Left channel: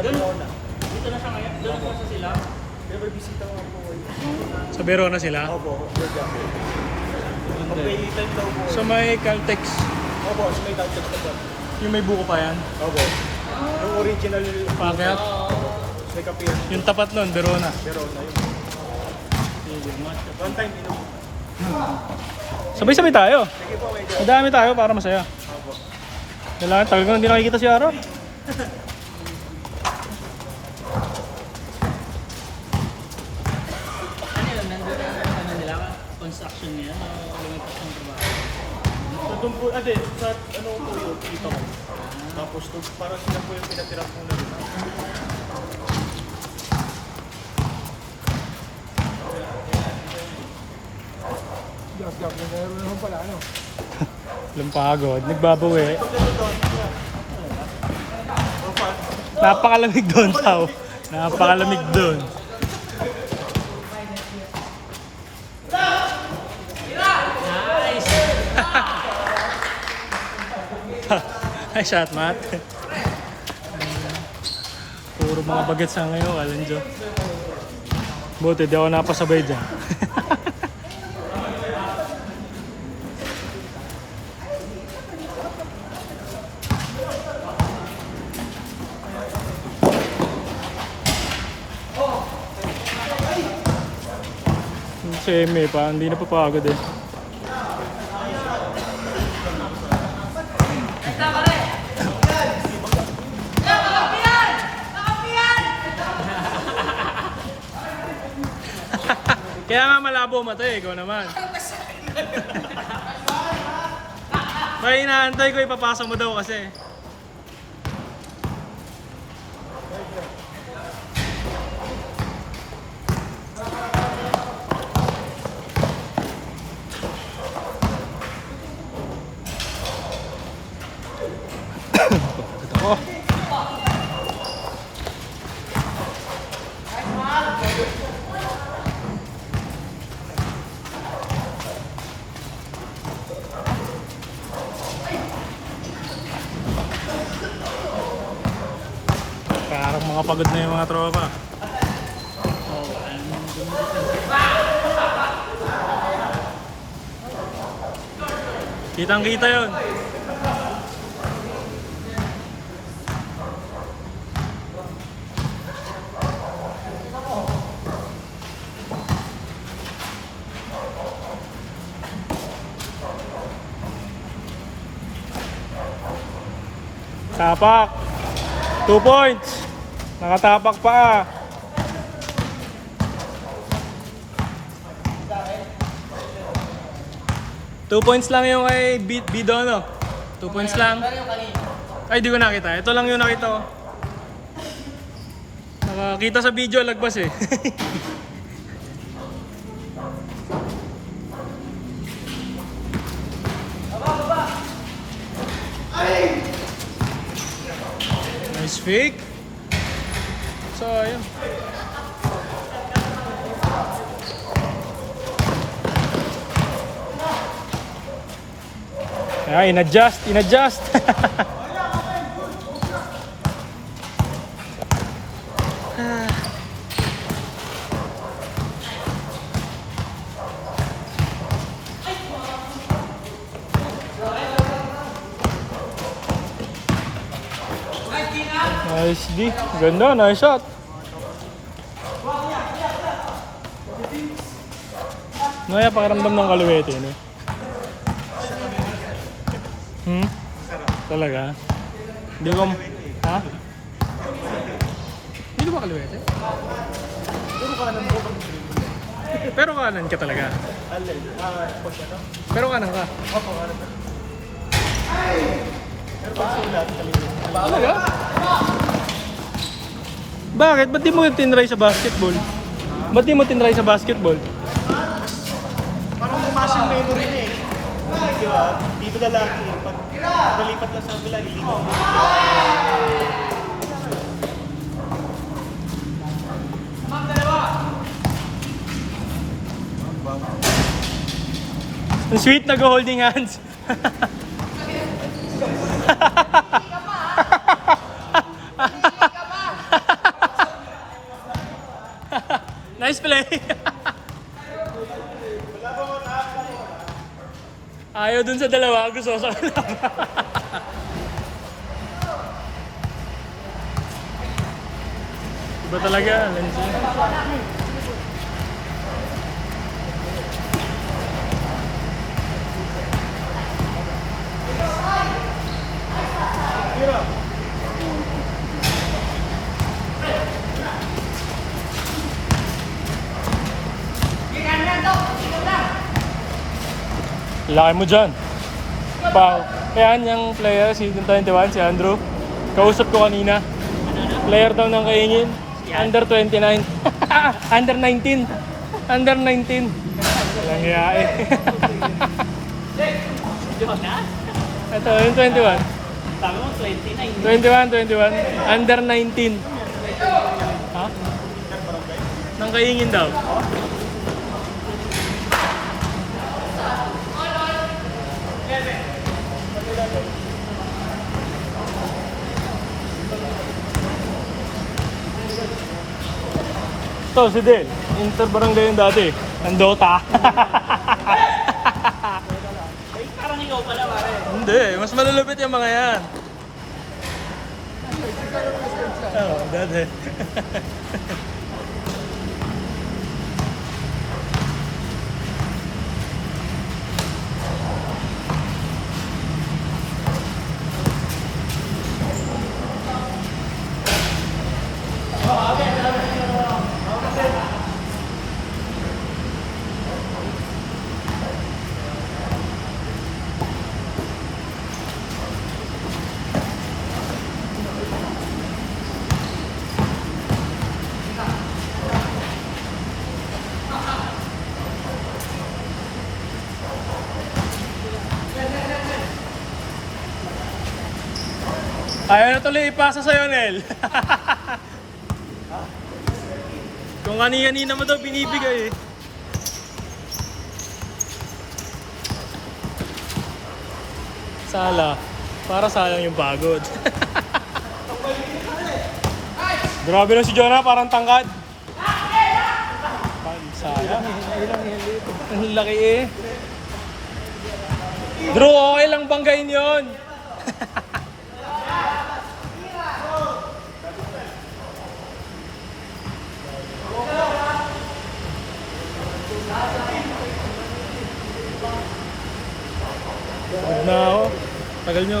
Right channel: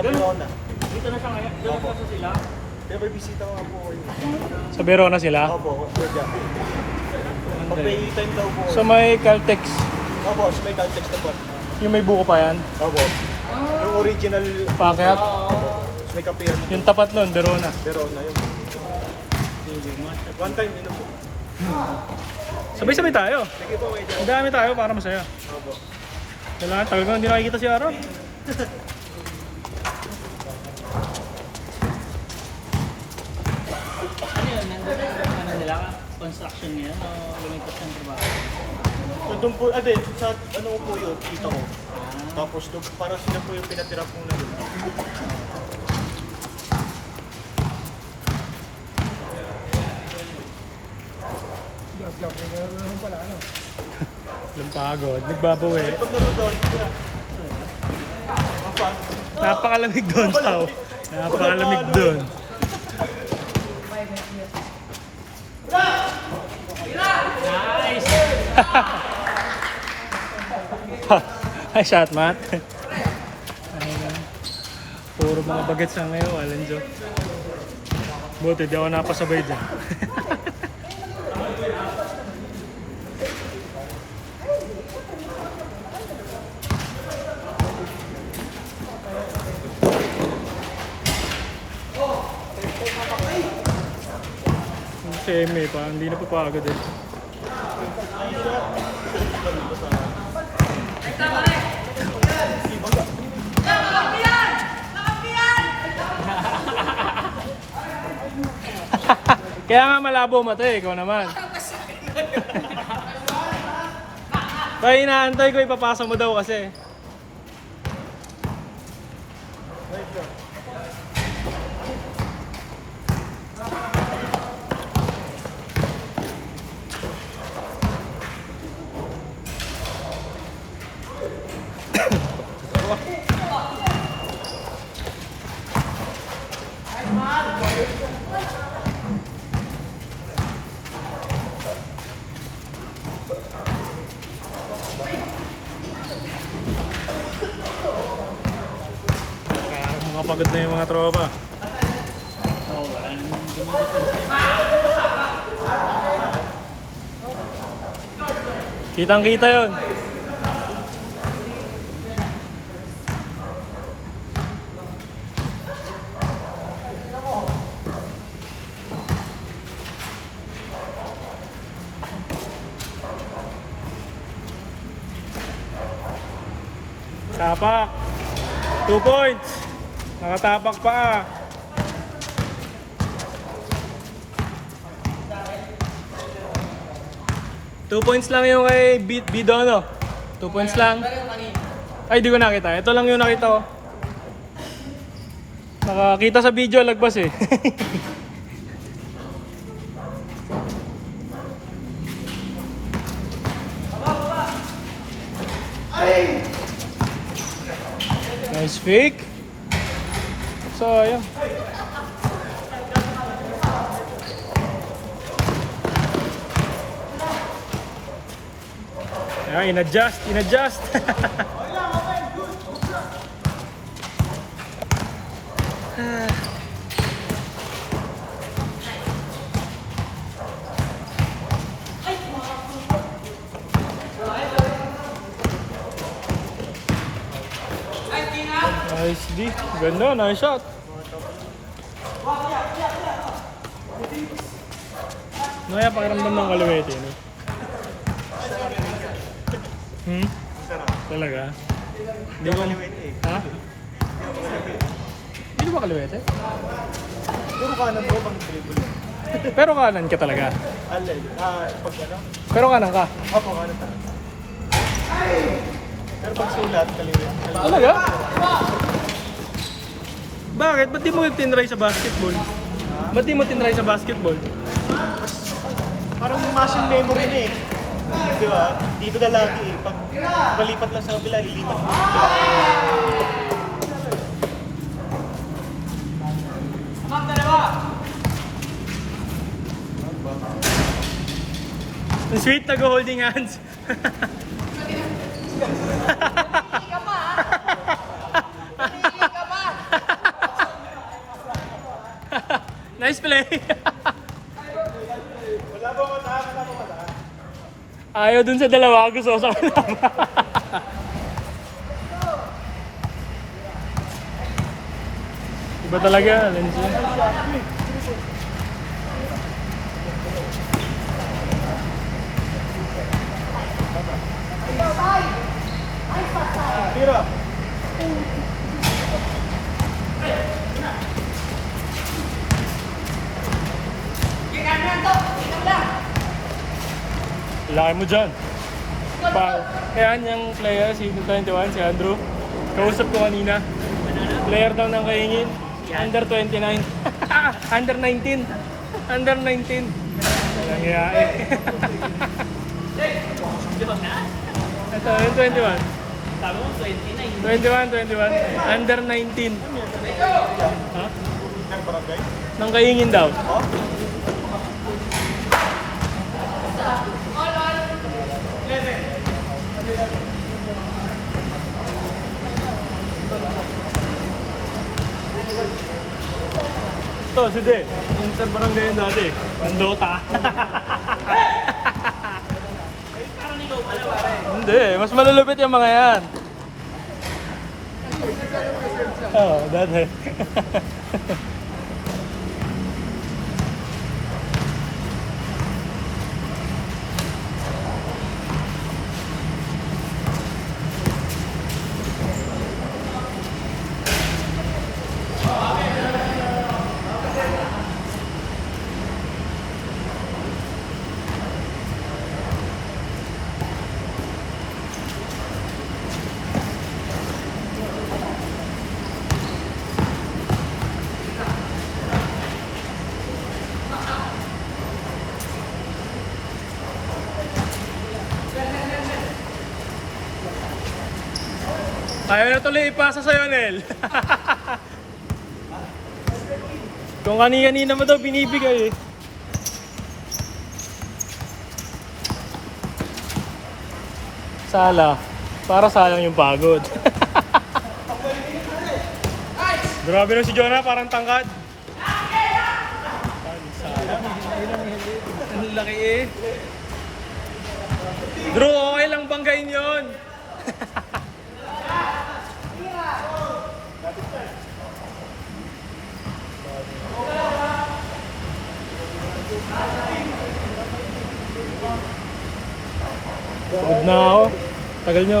Sa Verona. Dito na siya ngayon? Dito na sila? May bisita ko po. Sa Verona sila? Opo. Pag-time daw po. Sa may Caltex. Opo, sa may Caltex na po. Yung may buko pa yan? Opo. Yung original. Pakyat? May kape yan. Yung tapat nun, Verona. Verona yun. One time, ino po. Sabay-sabay tayo. Sige po, may dyan. Madami tayo para masaya. Opo. Wala, tagal ko na hindi nakikita si Aro. Ano yun? Nandun na ano nila? Construction niya? Lumipas ng trabaho? So, doon po, sa ano po yun, dito ko. Tapos, para sila po yung pinatira po nila. Yung pagod, nagbabawi. Pagkano doon, Mapa. Napakalamig doon, Tao. Napakalamig doon. Ay, shot, Matt. Puro mga bagets na ngayon, Alan Jo. Buti, di ako napasabay dyan. Si Eme pa, hindi na papagod eh. Kaya nga malabo mata eh, ikaw naman. Kaya inaantay ko ipapasa mo daw kasi. Parang mga pagod na yung mga tropa. Kitang kita yun. Tapak. 2 points. Nakatapak pa. Two points lang yung kay Bidono. 2 points lang. Ay, di ko nakita. Ito lang yung nakita ko. Nakakita sa video, lagpas eh. Nice fake. So, ayun. Ay, in-adjust. Nice D. Ganda, nice shot. Ngayon, pakiramdam ng kaluwete, no? Talaga? Hindi ko... Ha? Hindi ba kaluwete? Pero kanan ka talaga. Pero kanan ka. Talaga? Bakit? Ba't di mo tinry sa basketball? Ba't di mo tinry sa basketball? Parang bumasang memory na eh. Di ba? Dito na lagi eh. Pag nalipat lang sa kabila, ilipat mo. Sweet, nag-holding hands. Nice play. Ayaw dun sa dalawa, gusto ko sa kanila. Iba talaga, Lenzy. Laki mo dyan. Pao. Kaya yung player, si 21, si Andrew. Kausap ko kanina. Player daw ng kaingin. Under 29. Under 19. Under 19. Nangyayari. Ito, yung 21. Tama mo, 29. 21. Under 19. Ha? Nang kaingin daw. Ito, si Del. Inter barangay yung dati. Ang Dota. Parang ikaw pala, pare. Hindi, mas malulupit yung mga yan. Oo, dati. Ayaw na tuloy ipasa sa'yo, Nel. Kung kanina mo daw binibigay eh. Sala. Para sayang yung pagod. Grabe na si Jonah, parang tangkad. Sayang. Ang laki eh. Drew, okay lang banggain yun. Pagod na ako. Tagal nyo.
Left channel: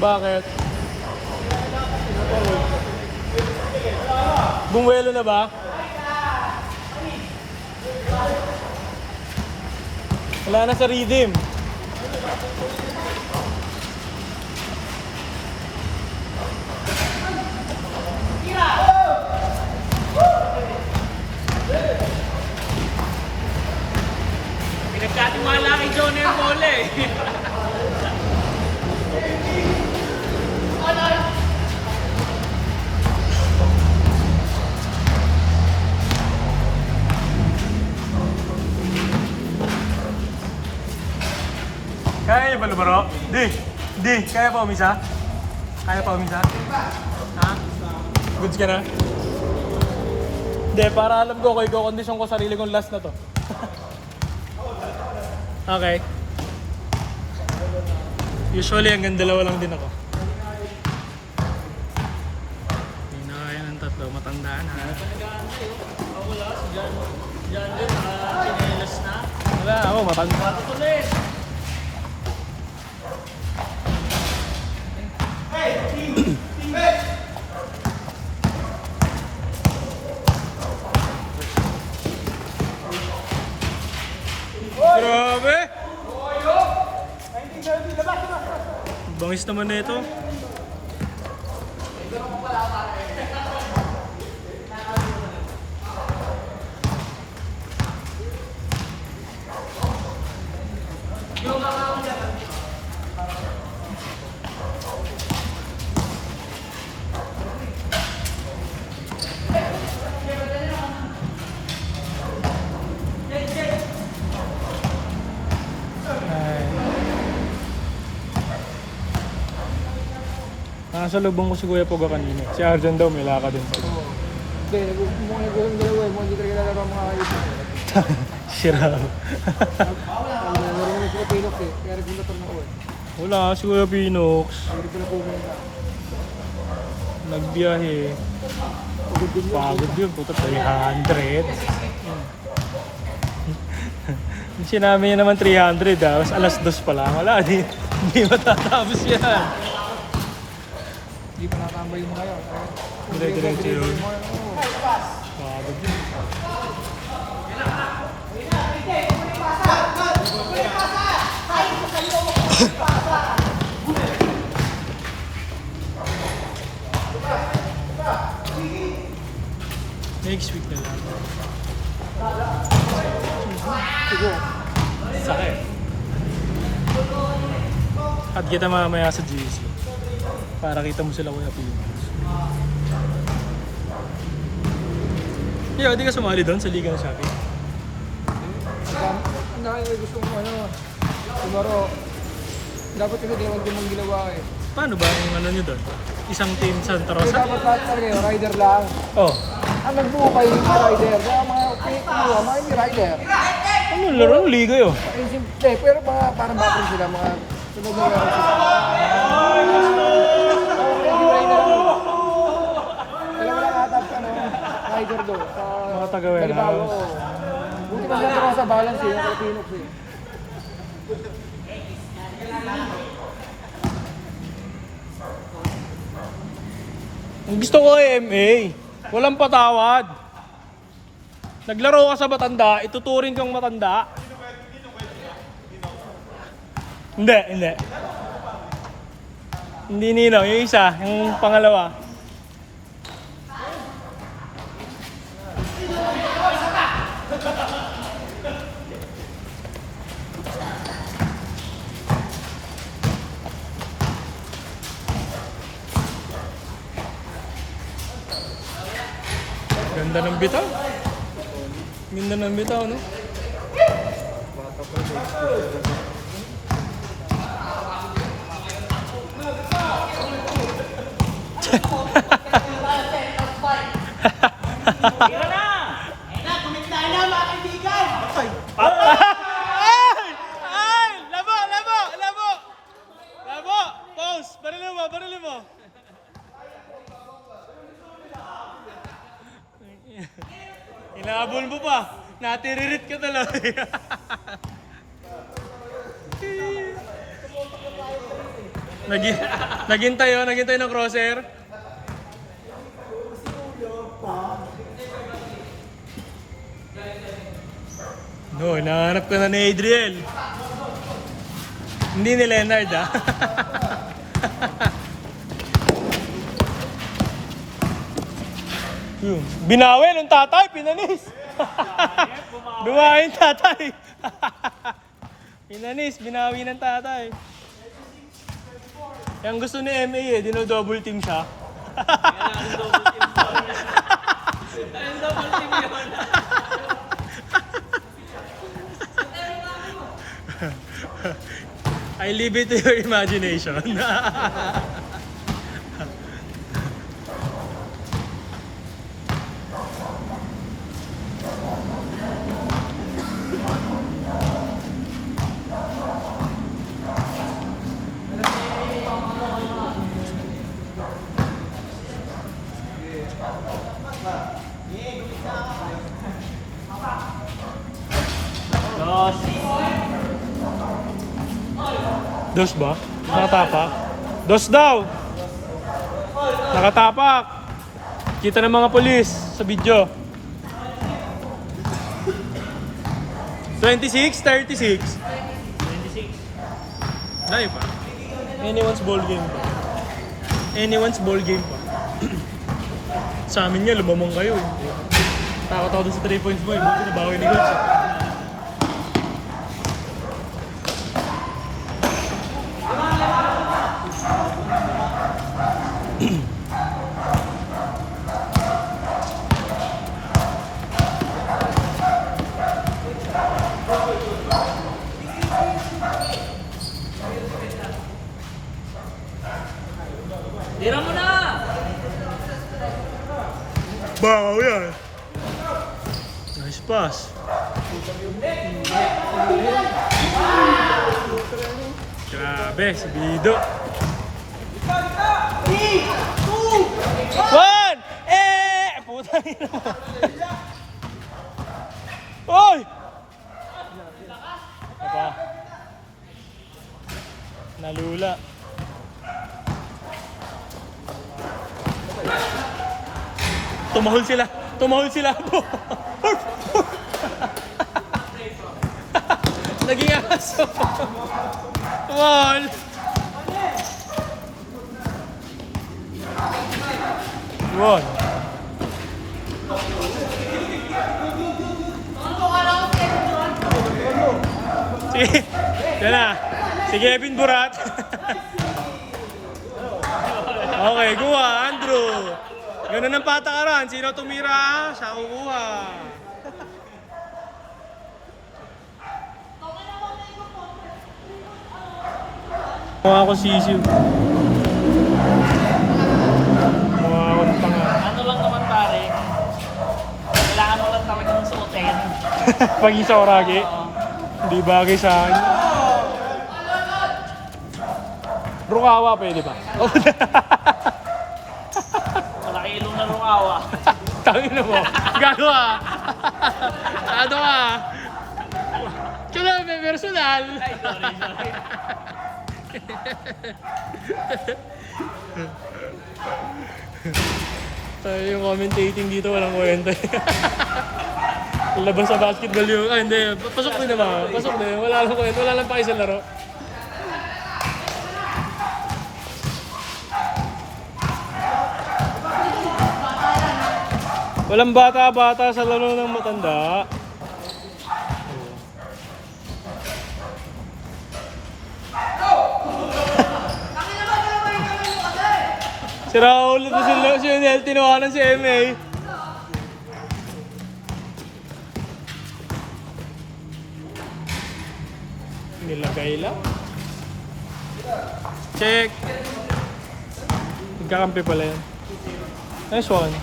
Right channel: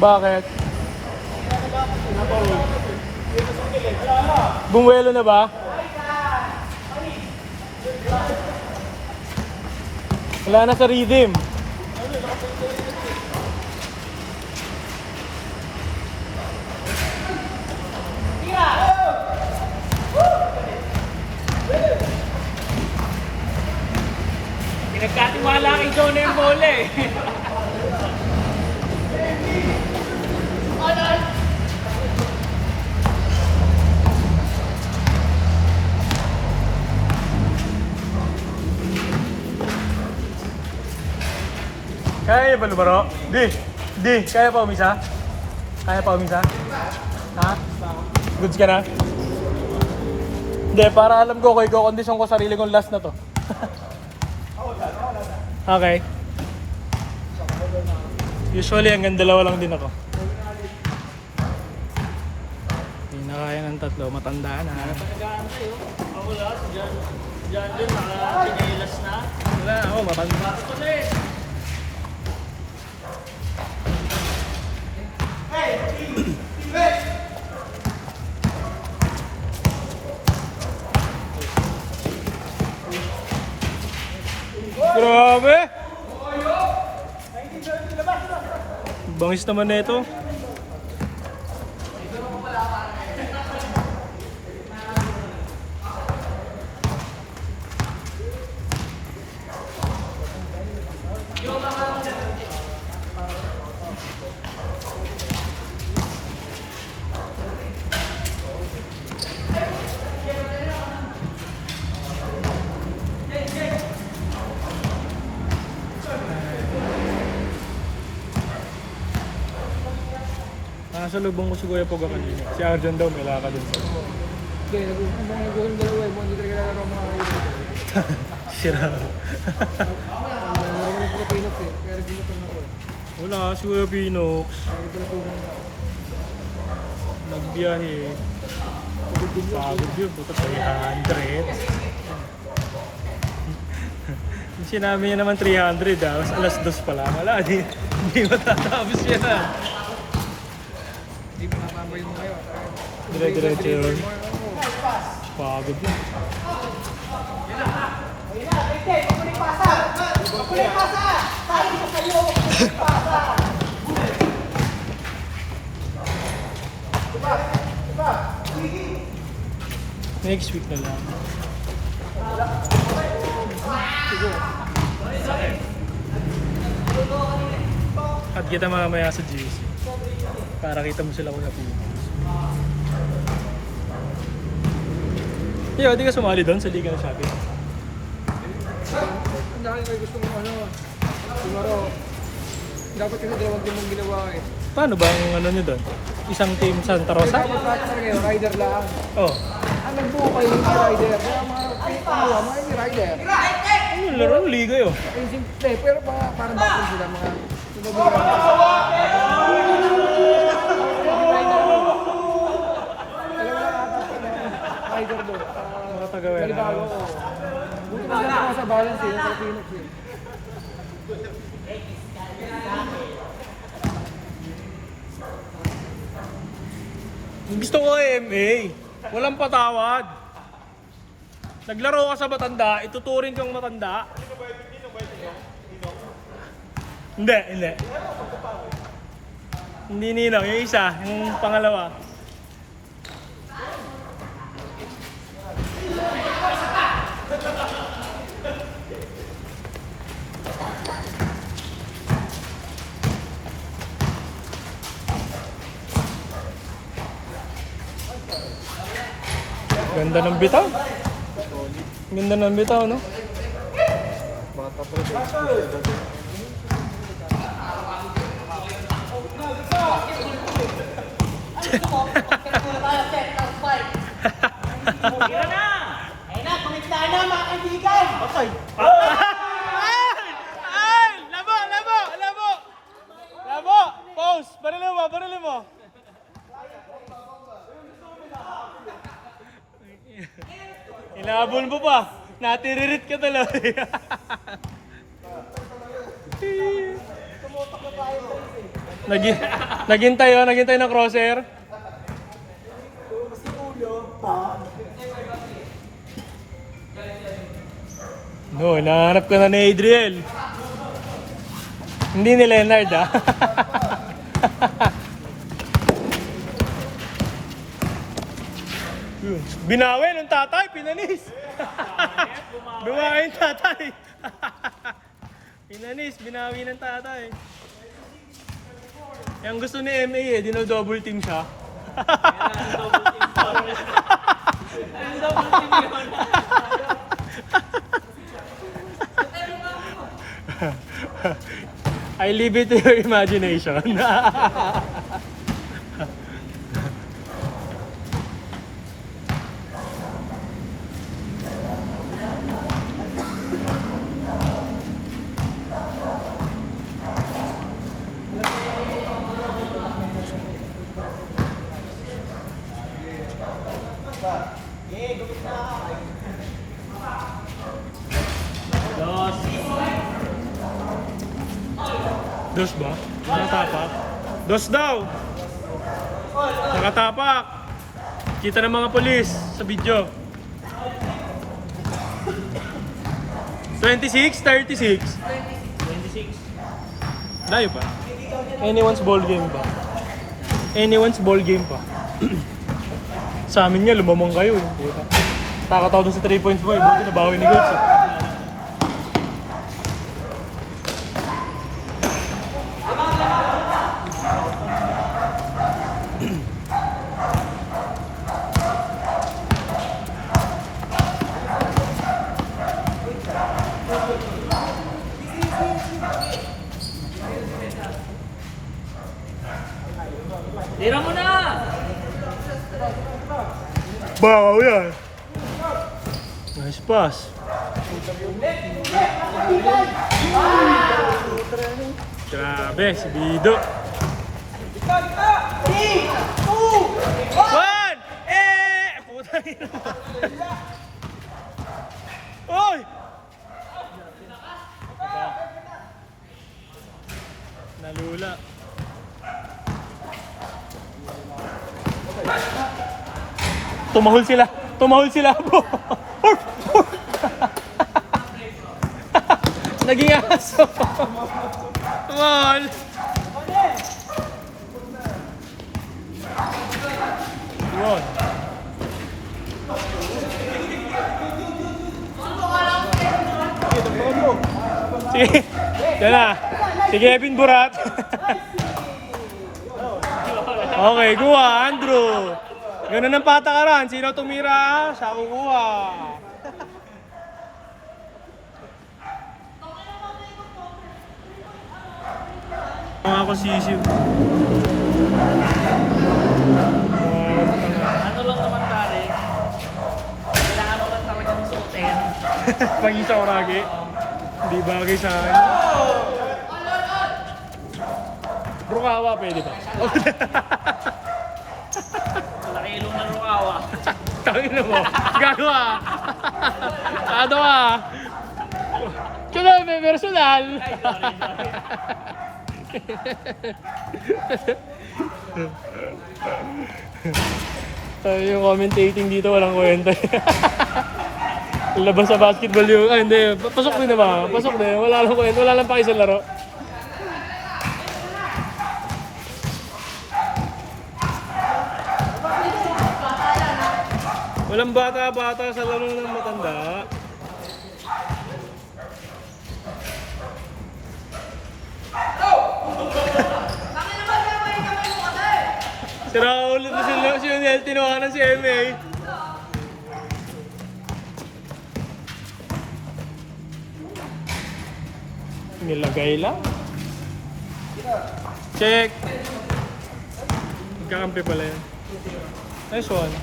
Bakit? Bumuelo na ba? Wala na sa rhythm. Nagkatiwala kay John yung bola eh. Kaya niya ba lumaro? Di, kaya pa umisa? Kaya pa umisa? Ha? Goods ka na? Hindi, para alam ko, i-condition ko sarili kong last na to. Okay. Usually hanggang dalawa lang din ako. Hindi na kaya ng tatlo, matanda na. Wala, ako matanda. Grabe! Bangis naman na ito. Nasa lubong ko si Kuya Poga kanina. Si Arjan daw may lakad din. Hindi, nag-uong dalawa mo, hindi talaga nalabang mga ayun. Sira. Marami yung Pilok eh, kaya regulatan mo ko. Wala si Kuya Pinox. Regulatan ko na. Nagbiyahe. Pagod yun, puto 300. Sinabi niya naman 300 ah. Alas 2 pa lang. Wala, hindi matatapos yan. Hindi pa nakatambay yung ngayon. Dire-diretso yun. Pagod yun. Next week na lang. Sakit. At kita mamaya sa GC. Para kita mo sila Kuya Pino. Yo, di ka sumali doon sa Liga ng Shopee? Ang dahil ay gusto mong ano, siguro, dapat kasi dalawang team mong ginawa eh. Paano ba yung ano nyo doon? Isang team Santa Kasi Rosa? dapat lahat talaga yung rider lang. Oh. Ang nagbuo kayo yung rider, kaya mga pinagawa, mga hindi rider. Ano yung laro ng Liga yun? Eh, simple, pero mga parang bakit sila, mga sunod na lang sila. Hindi rider lang. Alam mo lang atap ka ng rider doon. Mga taga-wera. Buti na lang sa balance eh, yung Pinox eh. Ang gusto ko ay MA. Walang patawad. Naglaro ka sa matanda, ituturing kang matanda. Hindi, hindi. Hindi ninaw, yung isa, yung pangalawa. Ganda ng bitaw. Ganda ng bitaw, no? Ay! Labo! Labo! Labo! Labo! Pause! Barilin mo! Barilin mo! Inabol mo pa. Natiririt ka talaga. Naghintay ng crosshair. No, nahanap ka na ni Adriel. Hindi ni Leonard ah. Yun. Binawi ng tatay, pinanis. Bumawi ng tatay. Pinanis, binawi ng tatay. Yang gusto ni MA eh, dino-double team siya. I leave it to your imagination. Dos ba? Nakatapak? Dos daw! Nakatapak! Kita ng mga polis sa video. 26, 36. 26. Layo pa. Anyone's ball game pa. Anyone's ball game pa. Sa amin nga, lumamang kayo. Takot ako dun sa 3 points mo. Buti na bawi ni Gods. Tira mo na! Bakaw yan. Nice pass. Grabe, si Bido. One! Putang ina mo. Oy! Aba. Nalula. Tumahol sila. Tumahol sila po. Naging aso. Come on. Yun. Yan na. Si Kevin Burat. Okay, kuha. Andrew. Ganun ang patakaran. Sino tumira, siya kukuha. Mga ako sisiw. Ano lang naman pare, kailangan mo lang talagang suotin. Pag isa oragi, hindi bagay sa akin. Rukawa, pwede ba? Malaki ilong na rukawa. Tangin na mo. Gagawa. Ano ka? Kaya may personal. Ay, sorry. Tayo yung commentating dito, walang kwenta. Labas sa basketball yung... Ah, hindi. Pasok din naman. Pasok din. Wala lang kwenta. Wala lang pakisang laro. Walang bata-bata sa laro ng matanda. Si Raul ito si Nel, tinawanan si MA. Nilagay lang. Check. Nagkakampi pala yan. Nice one.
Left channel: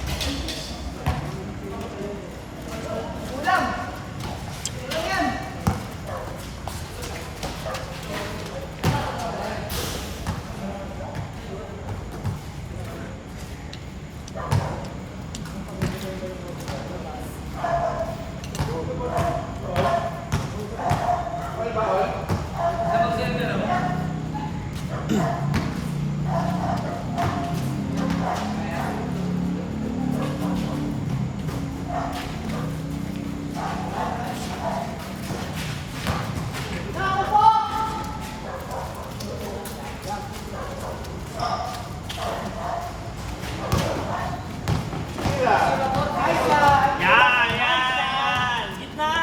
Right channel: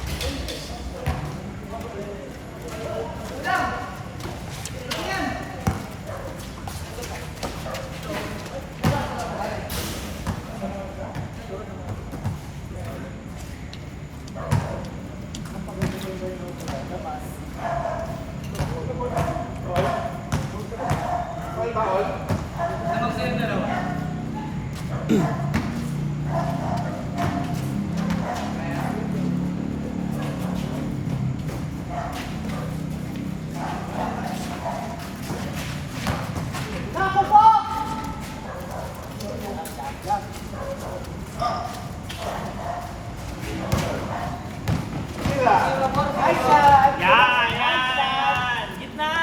Yan! Gitna!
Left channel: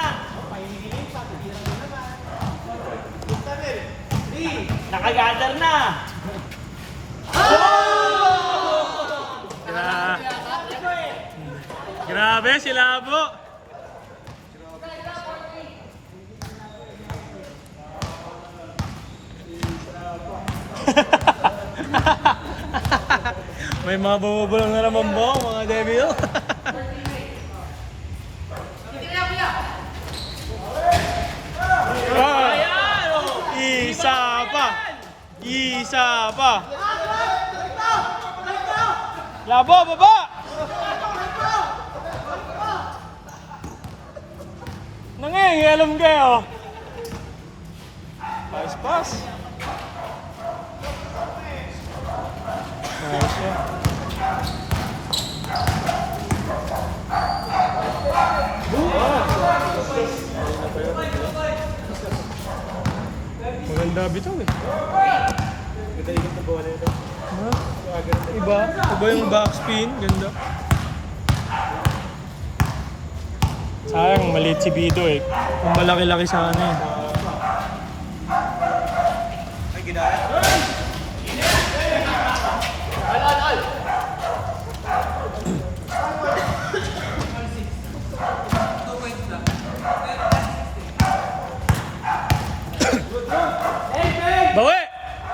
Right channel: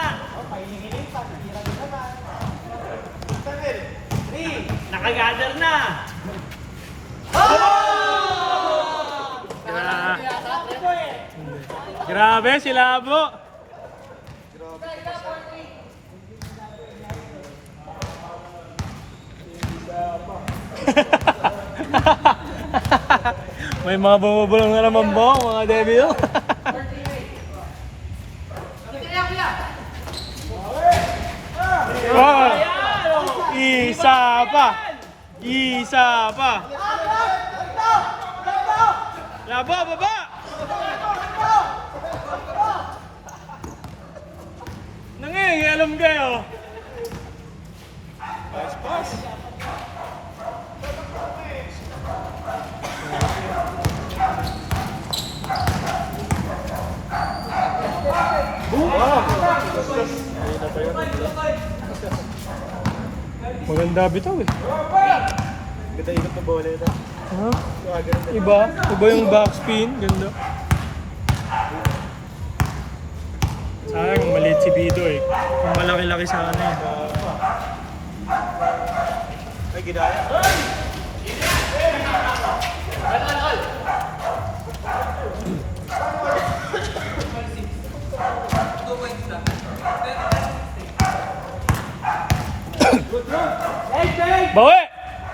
Nakagather na! Grabe si Labo. May mga bumubulong na naman po, mga devil. Oh, isa pa. Isa pa. Labo, baba. Nangyayalom kayo. Pass. Maganda bitaw eh. Ganda ikot na bola ito. Ha? Iba yung backspin, ganda. Sayang, maliit si Bido eh. Kung malaki-laki sana eh. Ay, gidaya. Al! Bawi!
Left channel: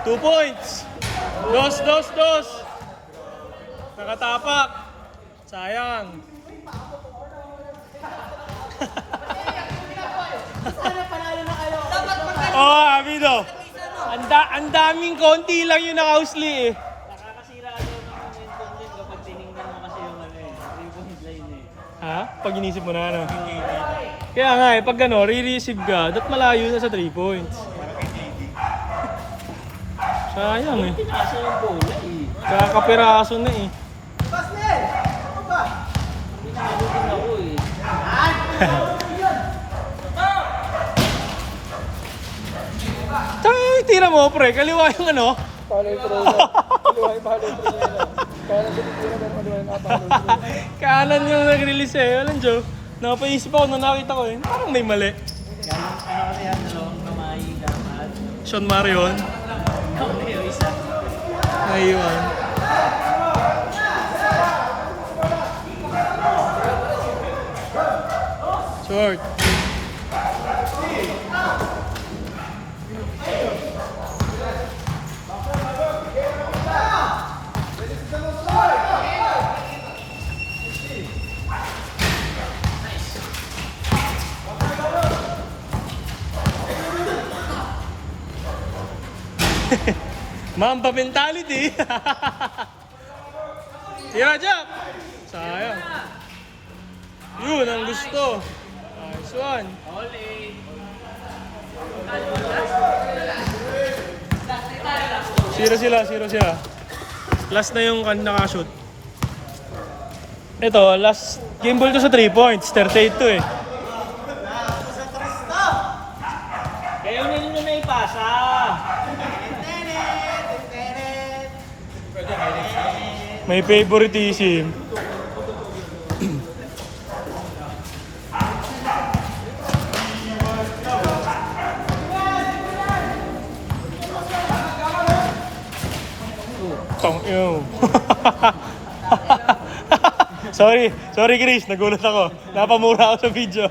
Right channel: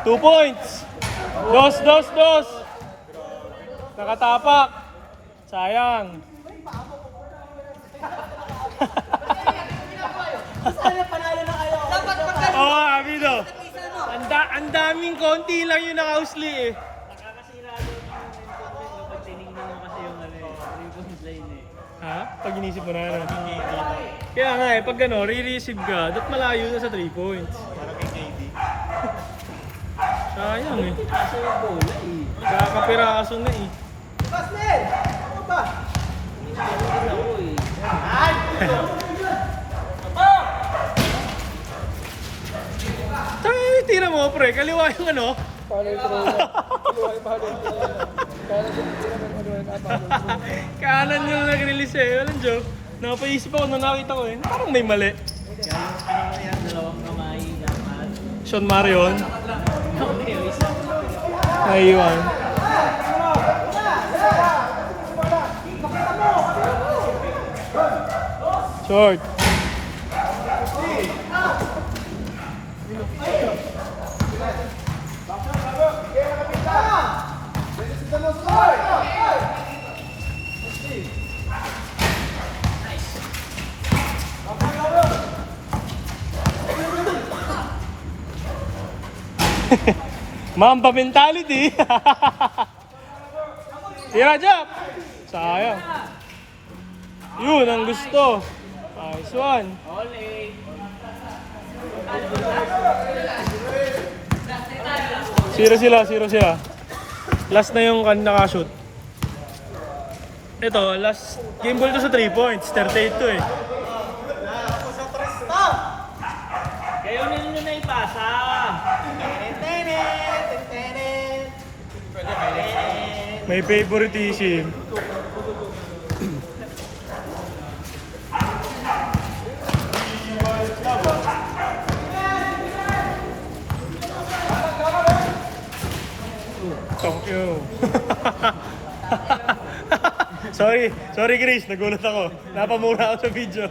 2 points! Dos! Nakatapak! Sayang! Dapat pagka... Oh, Abido. Ang daming konti lang yung nakausli eh. Nakakasira daw ng content kapag tinignan mo kasi yung ano eh. Yung point line eh. Ha? Pag inisip mo na ano. Kaya nga eh, pag ano, re-receive ka, dapat malayo na sa 3 points. Para kay JD. Sayang eh. Pinasa yung bola eh. Kakapiraso na eh. Pinalo din ako eh. Tsaka yung tira mo, pre, kaliwa yung ano. Paano yung troll na? Kaliwa yung paano yung troll na? Kaya lang yung kaliwa yung paano. Kanan yung nag-release eh. Alam, Joe. Napaisip ako na nakita ko eh. Parang may mali. Galing ano kasi yan, dalawang kamay dapat. Sean Marion. Okay, yung isa. Ayun. Short. Mamba mentality. Tira, Jap. Sayang. Yun ang gusto. Nice one. All A. Zero sila. Last na yung nakashoot. Ito, last game ball to sa 3 points. 38 to eh. Kayo nyo na ipasa. May favoritism. Tong ew. sorry Chris, nagulat ako. Napamura ako sa video.